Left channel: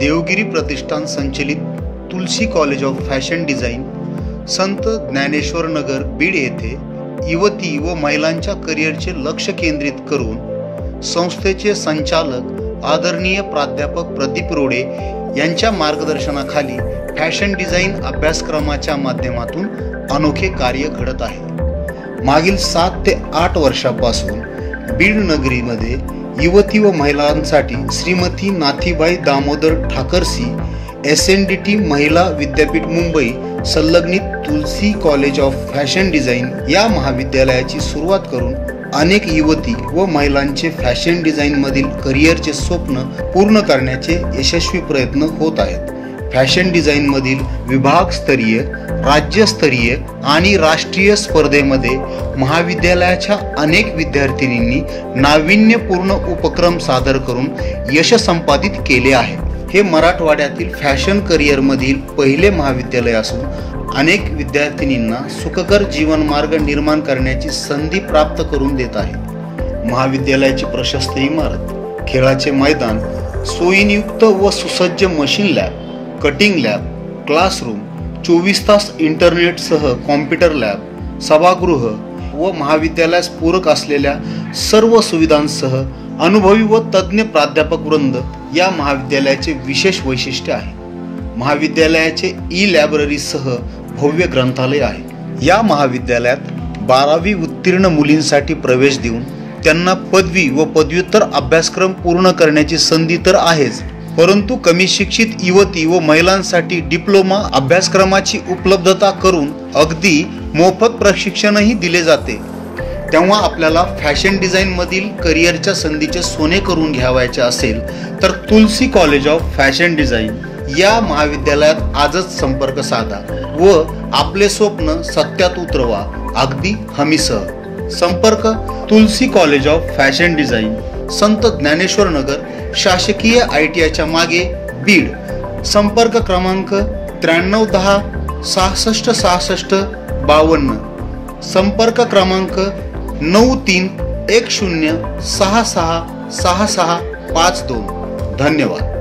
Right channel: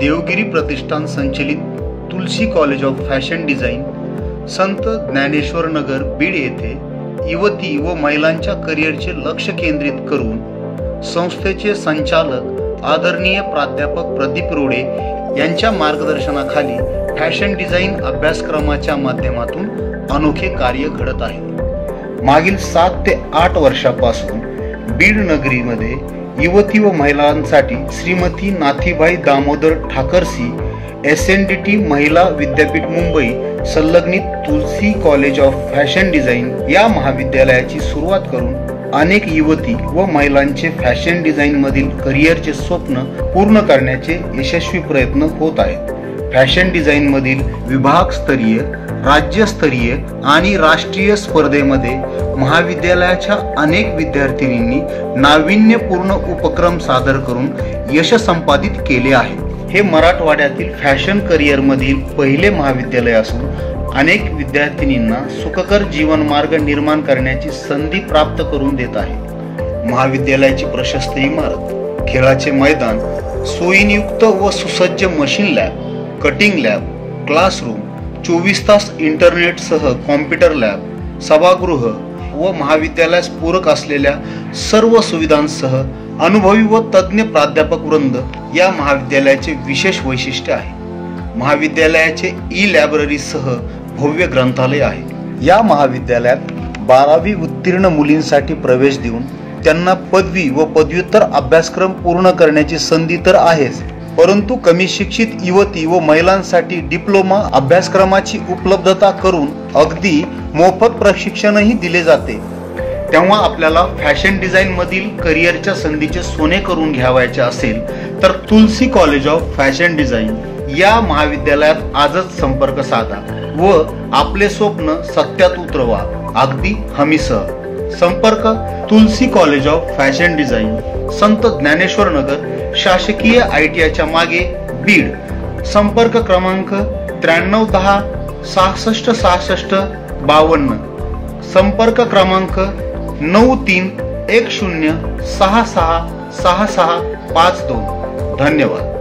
देवगिरी प्रतिष्ठान संचलित तुलसी college of fashion design, संत ज्ञानेश्वर नगर, बीड येथे युवती व महिलांच्या करिअरचे लक्ष केंद्रित करून संस्थेचे संचालक आदरणीय प्राध्यापक प्रदीप रोडे यांच्या मार्गदर्शनाखाली फॅशन डिझाईन अभ्यासक्रमाच्या माध्यमातून अनोखे कार्य घडत आहे। मागील 7 ते 8 वर्षापासून बीड नगरीमध्ये युवती व महिलांसाठी श्रीमती नाथीबाई दामोदर ठाकरसी SNDT महिला विद्यापीठ मुंबई संलग्नित तुलसी कॉलेज ऑफ फॅशन डिझाईन या महाविद्यालयाची सुरुवात करून अनेक युवती व महिलांचे फॅशन डिझाईन मधील करिअरचे स्वप्न पूर्ण करण्याचे यशस्वी प्रयत्न होत आहेत। फॅशन डिझाईन मधील विभागस्तरीय, राज्यस्तरीय आणि राष्ट्रीय स्पर्धेमध्ये महाविद्यालयाच्या अनेक विद्यार्थिनींनी नाविन्यपूर्ण उपक्रम सादर करून यश संपादित केले आहे। हे मराठवाड्यातील फॅशन करिअर मधील पहिले महाविद्यालय असून अनेक विद्यार्थिनींना सुखकर जीवनमार्ग निर्माण करण्याची संधी प्राप्त करून देत आहे। महाविद्यालयाची प्रशस्त इमारत, खेळाचे मैदान, सोयींयुक्त व सुसज्ज machine lab, cutting lab, classroom, 24 तास इंटरनेटसह कॉम्प्युटर लॅब, सभागृह व महाविद्यालयास पूरक असलेल्या सर्व सुविधांसह अनुभवी व तज्ञ प्राध्यापक वृंद या महाविद्यालयाचे विशेष वैशिष्ट्य आहे। महाविद्यालयाचे ई-लायब्ररीसह भव्य ग्रंथालय आहे। या महाविद्यालयात 12वी उत्तीर्ण मुलींसाठी प्रवेश देऊन त्यांना पदवी व पदव्युत्तर अभ्यासक्रम पूर्ण करण्याची संधी तर आहेच, परंतु कमी शिक्षित युवती व महिलांसाठी डिप्लोमा अभ्यासक्रमाची उपलब्धता करून अगदी मोफत प्रशिक्षणही दिले जाते। तेव्हा आपल्याला फॅशन डिझाईन मधील करिअरच्या संधीचे सोने करून घ्यावायचे असेल तर तुलसी कॉलेज ऑफ फॅशन डिझाईन या महाविद्यालयात आजच संपर्क साधा व आपले स्वप्न सत्यात उतरवा, अगदी हमीसह। संपर्क तुलसी कॉलेज ऑफ फॅशन डिझाईन, संत ज्ञानेश्वर नगर, शासकीय ITIच्या मागे, बीड। संपर्क क्रमांक 9310 66 66 52। संपर्क क्रमांक 9310 66 6652। धन्यवाद।